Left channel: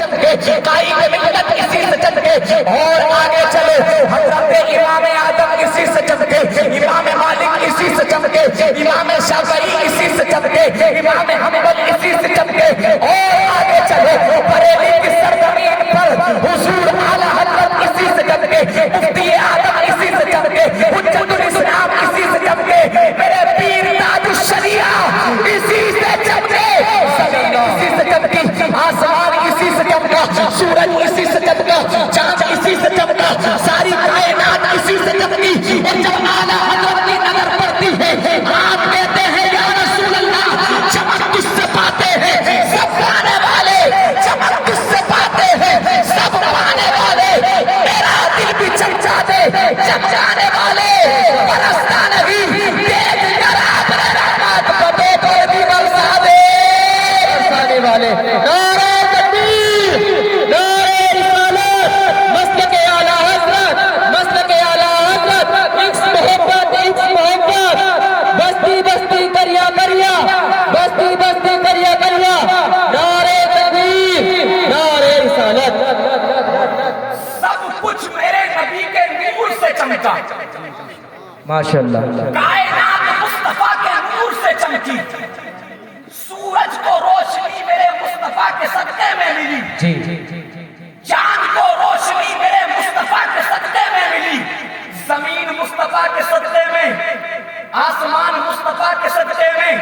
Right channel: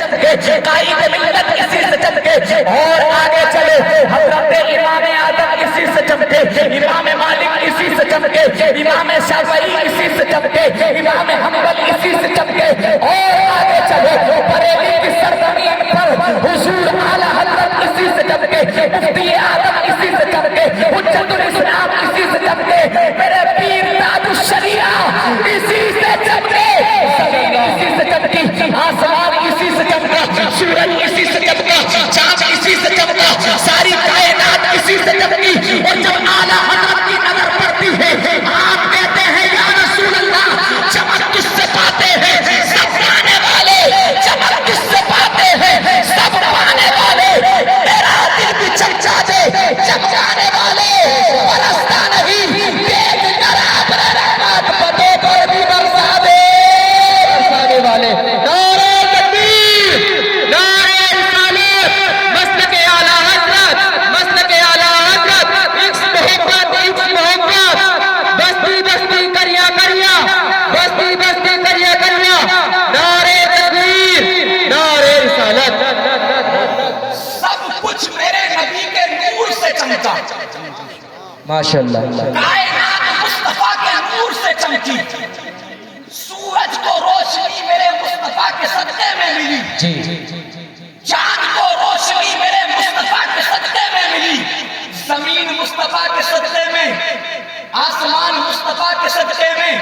قائد ملت اسی سے چمکے اور آگے چلے حضرت امام اعظم اسی سے چمکے، امام مالک اسی سے چمکے، امام شافعی اسی سے چمکے، امام حنبل اسی سے چمکے اور آگے چلے بریلی کی سرزمین پر حضور اعلی حضرت اسی سے چمکے، مفتی اعظم اسی سے چمکے، حجت الاسلام اسی سے چمکے، میرے پیر تاج الشریعہ اسی سے چمکے، اسی سے چمکی، آسمان اسی سے چمکا، سورج اسی سے چمکا، چاند اسی سے چمکا، ساری کائنات اسی سے چمکی، اور جب اعلیٰ حضرت کی نظر پڑتی ہے آپ کہتے ہیں یا رسول اللہ چمک کس سے پاتے ہیں؟ سب پانے والے، چمک کس سے پاتے ہیں؟ سب پانے والے، میرا دل بھی چمچا دے، چمکانے والے برستا نہیں، دیکھ کر آپ پتے کو بھی برسا دے، برسانے والے نعرہ تکبیر، نعرہ رسالت، مسلک اعلیٰ حضرت، مسلک اعلیٰ حضرت، عشق محبت، عشق محبت، بستی بستی کریا کریا، بستی بستی کریا کریا، نعرہ تکبیر، نعرہ رسالت، سب کچھ میرے نبی کے نور سے چمکا، ماشاءاللہ، کائنات مصطفیٰ کے نور سے چمکی، سورج کو روشنی میرے مصطفیٰ کے صدقے میں ملی، چاند کو روشنی میرے مصطفیٰ کے صدقے میں ملی، زمین مصطفیٰ کے صدقے میں، آسمان مصطفیٰ کے صدقے میں،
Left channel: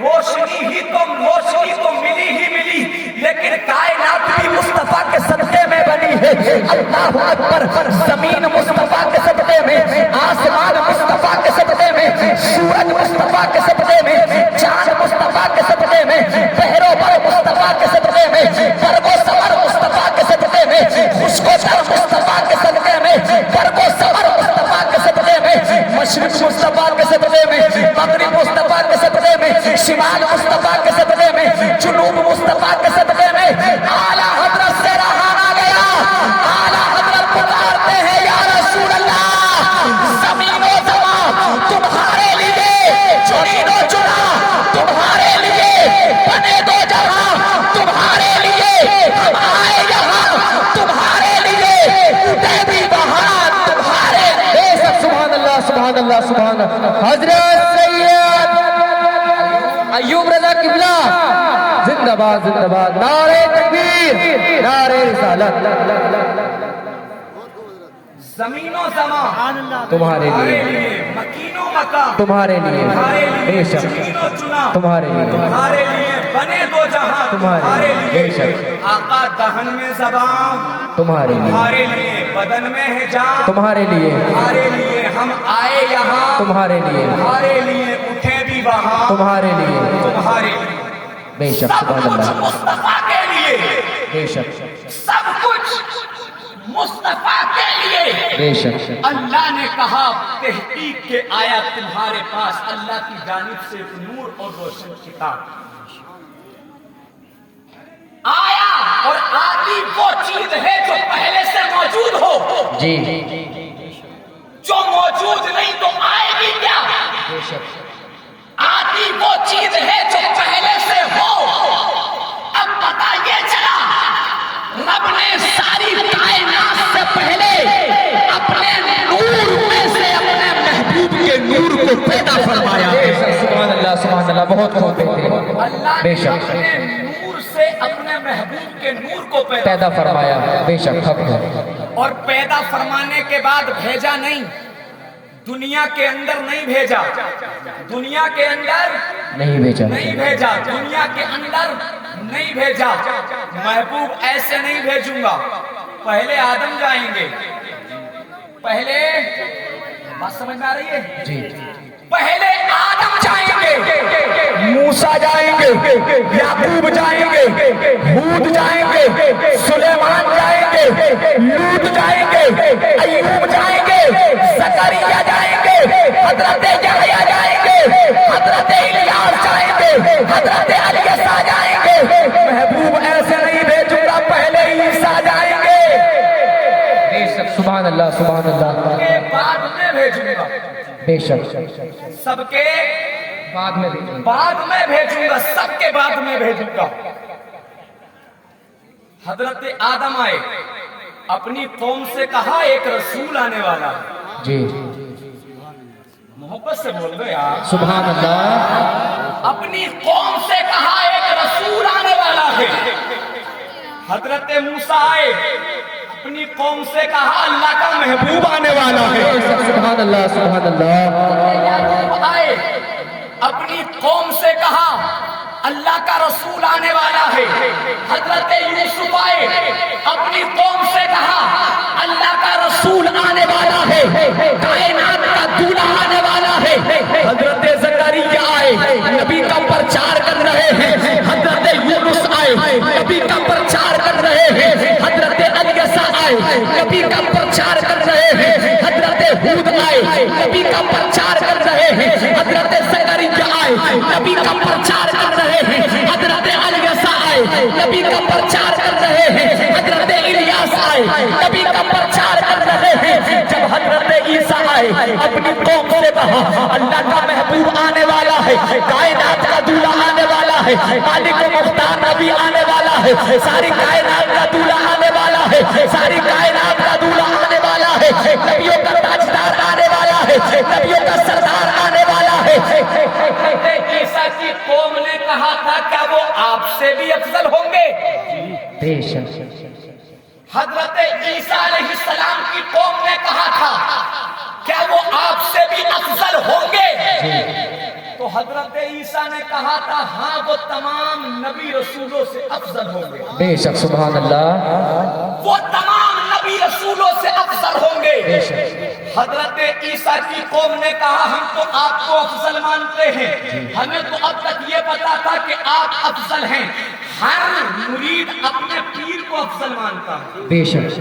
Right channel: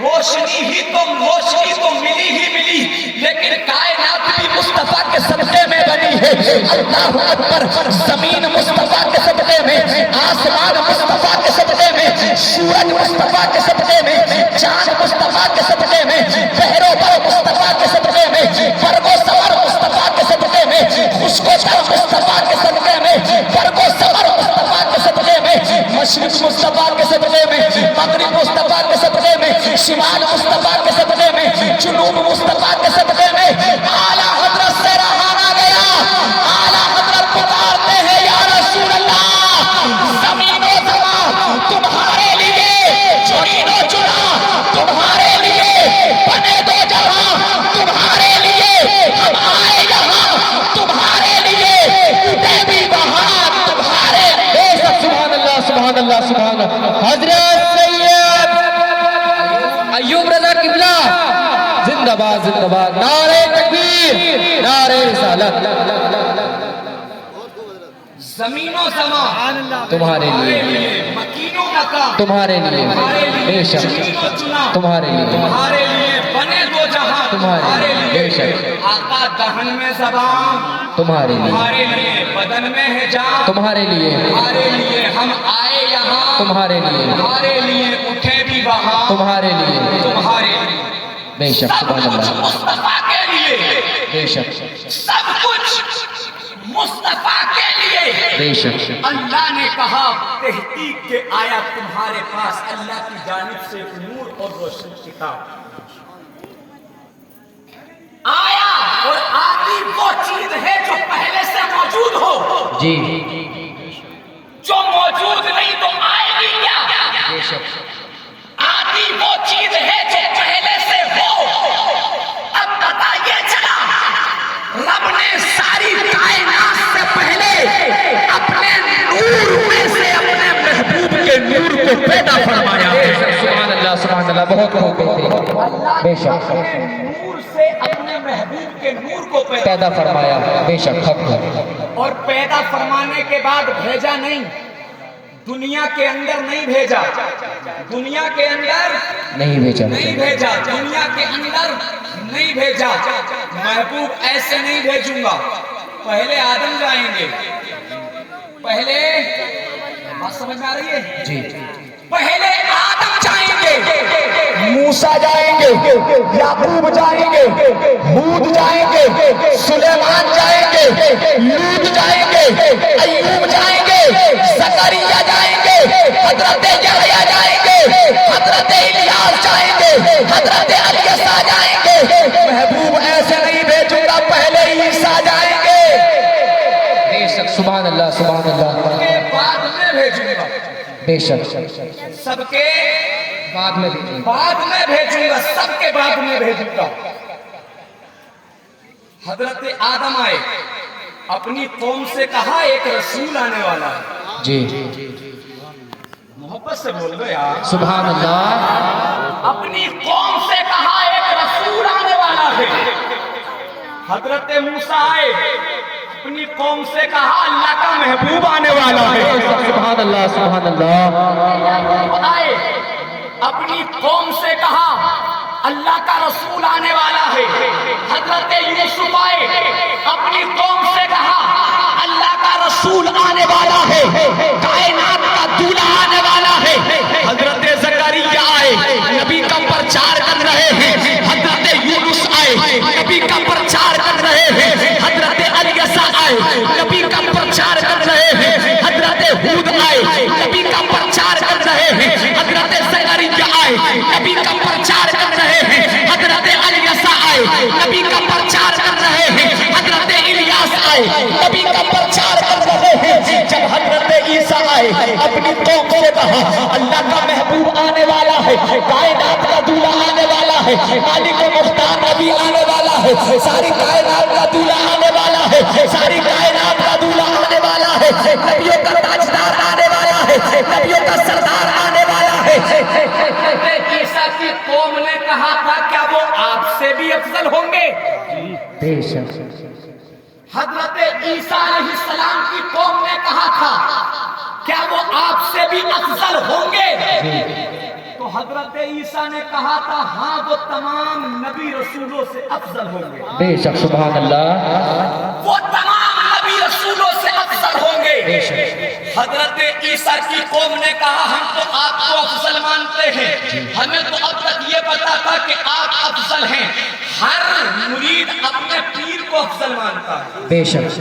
روشنی تو ملی ہی ملی، لیکن کائنات بھی مصطفیٰ کے صدقے میں بنی ہے، اللہ اکبر، زمین مصطفیٰ کے صدقے میں، آسمان مصطفیٰ کے صدقے میں، سورج مصطفیٰ کے صدقے میں، چاند مصطفیٰ کے صدقے میں، بحر و بر مصطفیٰ کے صدقے میں، برگ و سمر مصطفیٰ کے صدقے میں، خشک و تر مصطفیٰ کے صدقے میں، برگ و سمر مصطفیٰ کے صدقے میں، مشرق مصطفیٰ کے صدقے میں، مغرب مصطفیٰ کے صدقے میں، شمال مصطفیٰ کے صدقے میں، جنوب مصطفیٰ کے صدقے میں، اعلیٰ حضرت سے رہانا گیا، اعلیٰ حضرت پکارتے ہیں یا رسول اللہ، زمین و زمان تمہارے لیے، چرین و چرا تمہارے لیے، بنے دو جہاں تمہارے لیے، ہم آئے یہاں تمہارے لیے، اٹھے بھی وہاں تمہارے لیے، سبحان اللہ سبحان اللہ سبحان اللہ، حضرت سید ایوب رضا قبلہ زندہ باد زندہ باد، نعرہ تکبیر، نعرہ رسالت، زمین و زمان تمہارے لیے، مکین و مکان تمہارے لیے، بے شک تمہارے لیے، تمہارے لیے، بنے دو جہاں تمہارے لیے، بے شک آقا دہن میں زبان تمہارے لیے، بدن میں ہے جان تمہارے لیے، تمہارے لیے ہم آئے یہاں تمہارے لیے، تمہارے لیے اٹھے بھی وہاں تمہارے لیے، تمہارے لیے، بے شک سبحان اللہ، مصطفیٰ کے لیے، بے شک سب کچھ مصطفیٰ کے لیے، بے شک اللہ نے کہا تحقیق کے آیا تمہارے پاس اللہ کی جانب سے نور اور روشن کتاب آیا، اور آتی وہ چیز ہے جو پہلے سے موجود ہو، جی جو موجود نہیں تو آئے گی کیا، بے شک آتی وہ چیز ہے جو پہلے سے ہو، اب پتہ یہ چلا رب نے ساری کائنات سے پہلے اپنے نور میں سے اپنے محبوب کے نور کو پیدا فرمایا، سبحان اللہ سبحان اللہ، بہت بہت اللہ بے شک نور سے اپنے محبوب کے نور کو پیدا فرمایا، بے شک اور پیدا فرمانے کے بعد بھیجا نہیں، دنیا کے اندر نہیں بھیجا، دنیا کے اندر نہیں بھیجا، نہیں بھیجا، دنیا کے اندر نہیں بھیجا، محبوب ایسے نہیں بھیجوں گا، پہلے آدم جائیں گے، پہلے بات سمجھ میں آ رہی ہے جی، پہلے آدم جائیں گے، موسیٰ جائیں گے، یعقوب جائیں گے، ہود جائیں گے، سلیمان جائیں گے، لوط جائیں گے، ایوب جائیں گے، زکریا جائیں گے، حضرت یحییٰ جائیں گے، حضرت الیاس جائیں گے، حضرت الیسع جائیں گے، محبوب ایسے نہیں بھیجوں گا، پہلے عیسیٰ جائیں گے، بے شک سبحان اللہ سبحان اللہ، بعد میں بھیجوں گا، بے شک سب کے بعد میں بھیجوں گا، سب کے بعد میں بھیجوں گا، حضرت آدم آئے، اپنی قوم سے کہا ایک رسول آنے والا ہے. جی محبت سے بول رہے یار. سبحان اللہ. اپنی قوم سے کہا ایک رسول آنے والا ہے. حضرت موسیٰ آئے، اپنی قوم سے کہا اللہ کا محبوب آنے والا ہے. سبحان اللہ سبحان اللہ. آئے، اپنی قوم سے کہا اللہ کا رسول آنے والا ہے. حضرت یوسف آئے، اپنی قوم سے کہا اللہ کا رسول آنے والا ہے، کائنات کا دولہا آنے والا ہے. حضرت زکریا آئے، نبی کا پرچار کر رہے ہیں. حضرت یونس آئے، نبی کا پرچار کر رہے ہیں. حضرت الیسا آئے، نبی کا پرچار کر رہے ہیں. حضرت ہود آئے، نبی کا پرچار کر رہے ہیں. حضرت زکریا آئے، نبی کا پرچار کر رہے ہیں. حضرت الیسا آئے، نبی کا پرچار کر رہے ہیں. حضرت الیاس آئے، نبی کا پرچار کر رہے ہیں. جب حضرت عیسیٰ آئے، اپنی قوم سے کہا اللہ کا محبوب آنے والا ہے، کائنات کا دولہا آنے والا ہے، مالک و مختار نبی آنے والا ہے، ساری کائنات کا دولہا آنے والا ہے، ساری کائنات کا دولہا آنے والا ہے، نبیوں کا تاجدار آنے والا ہے، نبیوں کا سردار آنے والا ہے. حضرت عیسیٰ کی قوم نے کہا تھا کیا وہ آپ سے بھی افضل ہوں گے؟ بے شک. حضرت عیسیٰ علیہ السلام کی قوم نے کہا تھا کیا وہ آپ سے بھی افضل ہوں گے؟ تو حضرت عیسیٰ نے کہا تھا ہاں وہ تمام نبی رسولوں سے افضل ہوں گے. بے شک سبحان اللہ. وہ تمام نبی رسولوں سے افضل ہوں گے. حضرت عیسیٰ کی قوم نے کہا ہم تو آپ کو افضل مانتے ہیں، ہمیں تو اب تک یہ پتا تھا کہ آپ افضل ہیں. ہر مرید اپنے پیر کو افضل مانتا ہے. بے شک.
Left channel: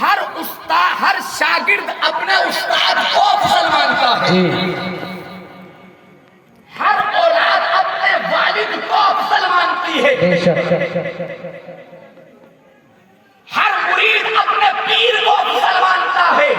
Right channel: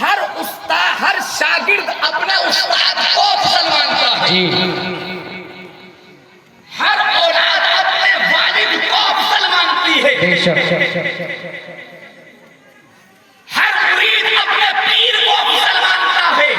ہر استاد، ہر شاگرد اپنے استاد کو افضل مانتا ہے. جی ہر اولاد اپنے والد کو افضل مانتی ہے. بے شک. ہر مرید اپنے پیر کو افضل مانتا ہے.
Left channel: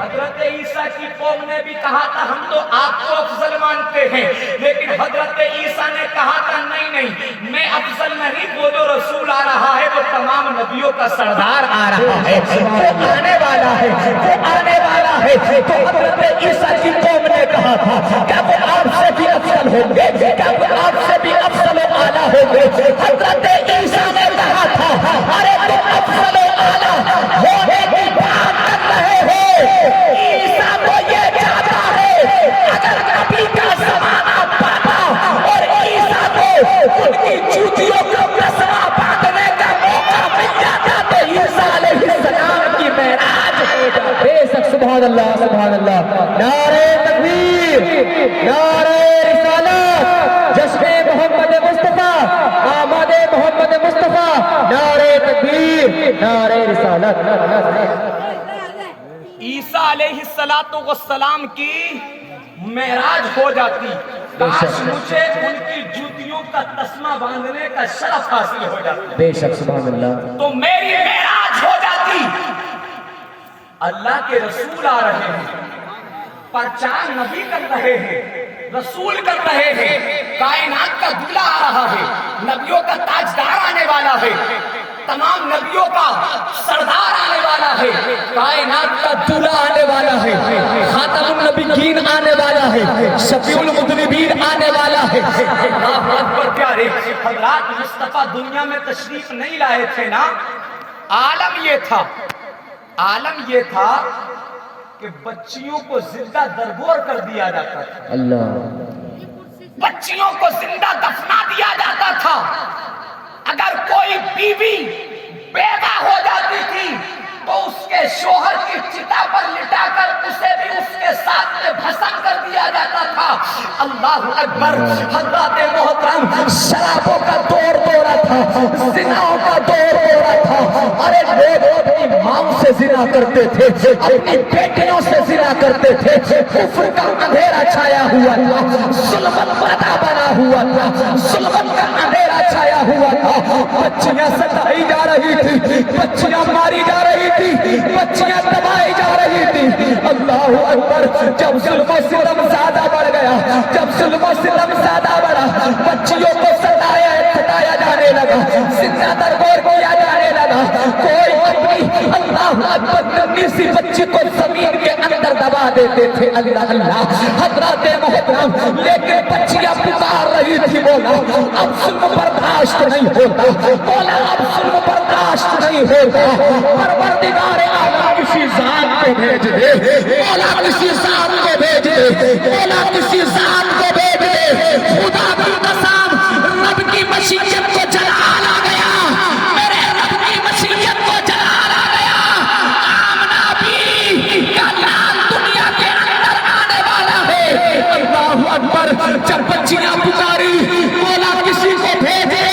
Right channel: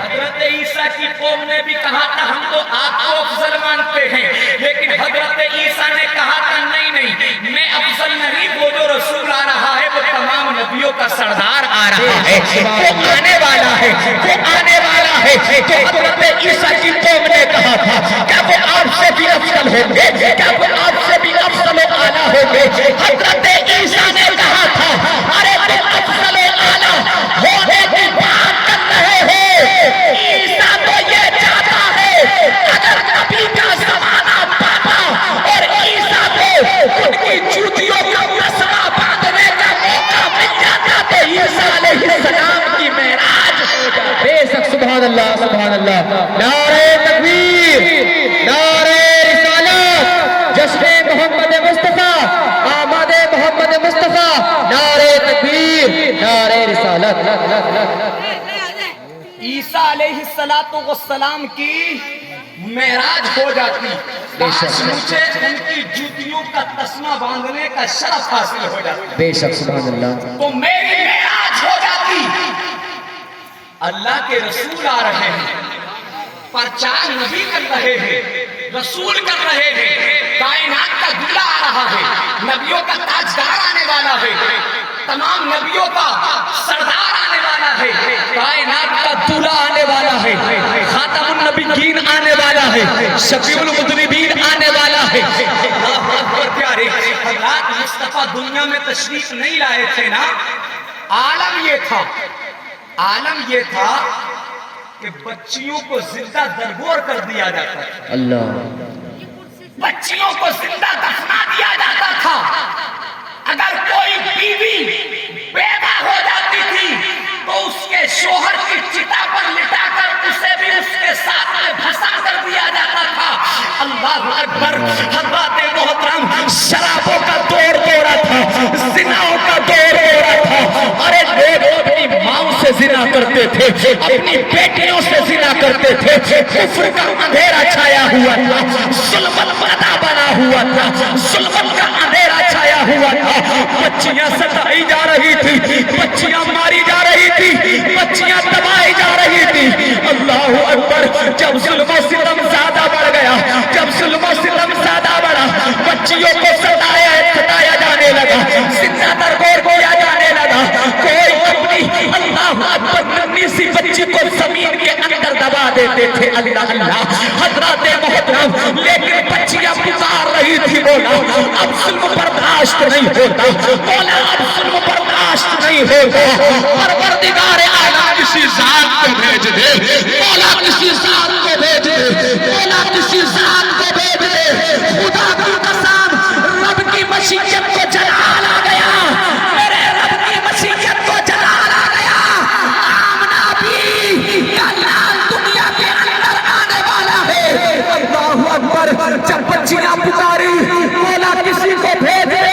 حضرت عیسیٰ کی قوم نے بھی کہا تھا ہم تو آپ کو افضل مانتے ہیں، لیکن حضرت عیسیٰ نے کہا تھا نہیں نہیں، میں افضل نہیں، وہ جو رسول آ رہا ہے وہ تمام نبیوں کا سردار آ رہا ہے، وہ آنے والا ہے، وہ آنے والا ہے. تو حضرت عیسیٰ کی قوم نے کہا تھا کیا وہ آپ سے بھی افضل ہوں گے؟ کیا وہ آپ سے بھی افضل و اعلیٰ ہوں گے؟ حضرت عیسیٰ نے کہا تھا ارے تم افضل و اعلیٰ ہونے کی بات کر رہے ہو. عیسیٰ تو یہ چاہتا ہے اگر نبی کا زمانہ پاتا اور عیسیٰ کو ان کی جوتیوں کا مسئلہ باندھنے کا موقع مل جاتا تو عیسیٰ علیہ السلام کی معراج ہو جاتی. بے شک سبحان اللہ سبحان اللہ. نعرہ تکبیر، نعرہ رسالت، جشن محمد مصطفیٰ، آمد محمد مصطفیٰ. نعرہ تکبیر، نعرہ رسالت. عیسیٰ علیہ السلام کی معراج ہو جاتی، کاش مجھے ان کی جوتیوں کا تسمہ باندھنے کا شرف حاصل ہو جاتا. بے شک سبحان اللہ. تو میری معراج ہو جاتی. اللہ کے رسول آ رہے ہیں، پرچار نبی کر رہے ہیں، رسول کر رہے ہیں، کائنات کا دولہا آ رہا ہے، نبیوں کا تاجدار آنے والا ہے، تمام نبیوں کا سردار آنے والا ہے، کائنات کا دولہا آنے والا ہے، خاتم النبیین آنے والا ہے، شفیع المذنبین آنے والا ہے. اللہ اکبر. پیارے حضرات، مصطفیٰ دنیا میں تشریف نہیں لائے تھے نا. عالم یہ تھا کہ بچیوں کو زندہ درگور کر دیا جاتا تھا، اللہ. بچیوں کو زندہ دفنا دیا جاتا تھا. اگر کوئی بیوی بیوہ ہو جاتی تھی تو اس کے شوہر کی چتا پر لٹا کر اسے بھی اس کے ساتھ میں دھسا کر دیا جاتا تھا. اللہ اکبر. حضرات محترم، شرابوں کا دور ہو رہا تھا، زناؤں کا دور ہو رہا تھا. ارے لوگ اپنی ماں سے زنا کرتے تھے، اپنی بیٹیوں سے زنا کرتے تھے. کفر کا اندھیرا چھایا ہوا تھا، ظلم پردہ بنا ہوا تھا، ظلم کا اندھیرا چھایا ہوا تھا. بچیاں ستائی جا رہی تھی، بچیاں ماری جا رہی تھی، بچیاں دبائی جا رہی تھی. اللہ اکبر. جب ظلم و ستم زیادہ بڑھ گیا، جب ظلم و ستم زیادہ بڑھا، بچیوں کو ستایا جانے لگا. زندہ در غور کیا جانے لگا. کوئی اپنی اللہ اکبر ننھی سی بچی کو زمین کے اندر دبا دیتے تھے. اللہ اللہ حضرات محترم, لیکن بچیاں پکار رہی تھی, بولا اب ظلم برداشت نہیں ہوتا, بولا اب ظلم برداشت نہیں ہوتا. پروردگار عالم کسی ذات کو بھیج دے, مولا کسی ذات کو بھیج دے, مولا کسی ذات کو بھیج دے. خدا کی قسم رب کی مشیت کو جلال آ گیا, میرے رب کی مشیت کو جلال آ گیا. آمنہ بھی کا لال دنیا کے اندر آنے والا ہے. اللہ اکبر, جب بچیاں پکاری مولا کسی کو بھیج دے,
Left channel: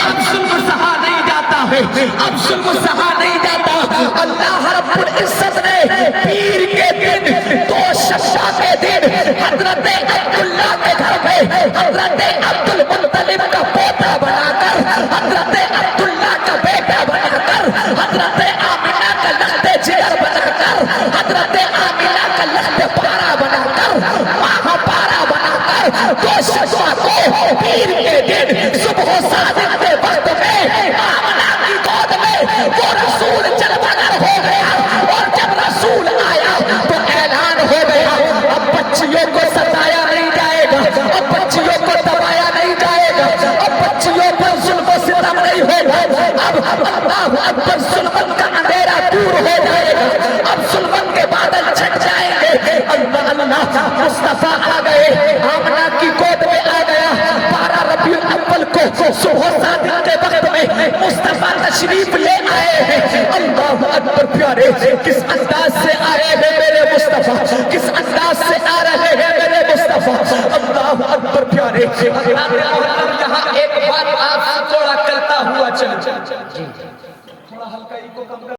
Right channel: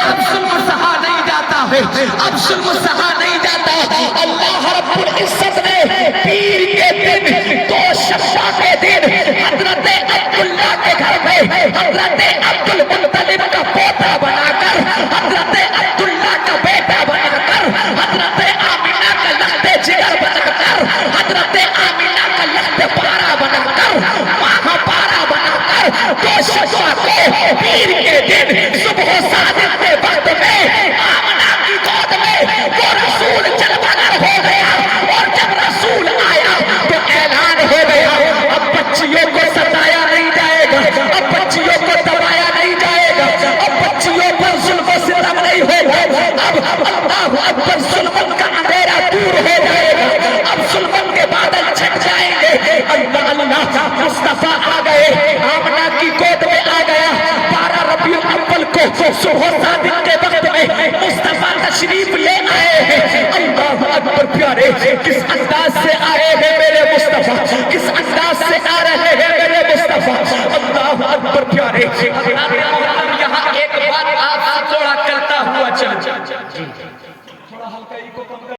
اب ظلم سہا نہیں جاتا ہے, اب ظلم سہا نہیں جاتا. اللہ رب العزت نے پیر کے دن, دو شفا کے دن, حضرت عبداللہ کے گھر میں حضرت عبد المطلب کا پوتا بنا کر, حضرت عبداللہ کا بیٹا بنا کر, حضرت آمینہ کا لخت جگر بنا کر, حضرت آمینہ کا لخت پارا بنا کر, وہاں پارا بنا کر دو شفا کو پیر کے دن صبح و صادق کے وقت میں آمنہ کی گود میں وہ رسول جلوگر ہو گیا. اور جب رسول آیا تو اعلان ہو گیا, اب بچیوں کو ستایا نہیں جائے گا, اب بچیوں کو دبایا نہیں جائے گا, اب بچیوں پر ظلم و ستم نہیں ہوگا. اب اللہ اکبر ظلم کا اندھیرا دور ہو جائے گا, اب ظلم کے بادل چھٹ جائیں گے. اللہ اللہ مصطفیٰ آ گئے, آمنہ کی گود میں آ گیا. 12 ربیع الاول کو صبح صادق کے وقت میں مصطفیٰ تشریف لے آئے ہیں. اللہ اکبر پیارے, کس انداز سے آئے ہیں میرے مصطفیٰ, کس انداز سے آ رہے ہیں میرے مصطفیٰ. اللہ اکبر پیارے. یہاں ایک بات آپ سے تھوڑا کرتا ہوا چل, تھوڑا ہلکا کو کم کر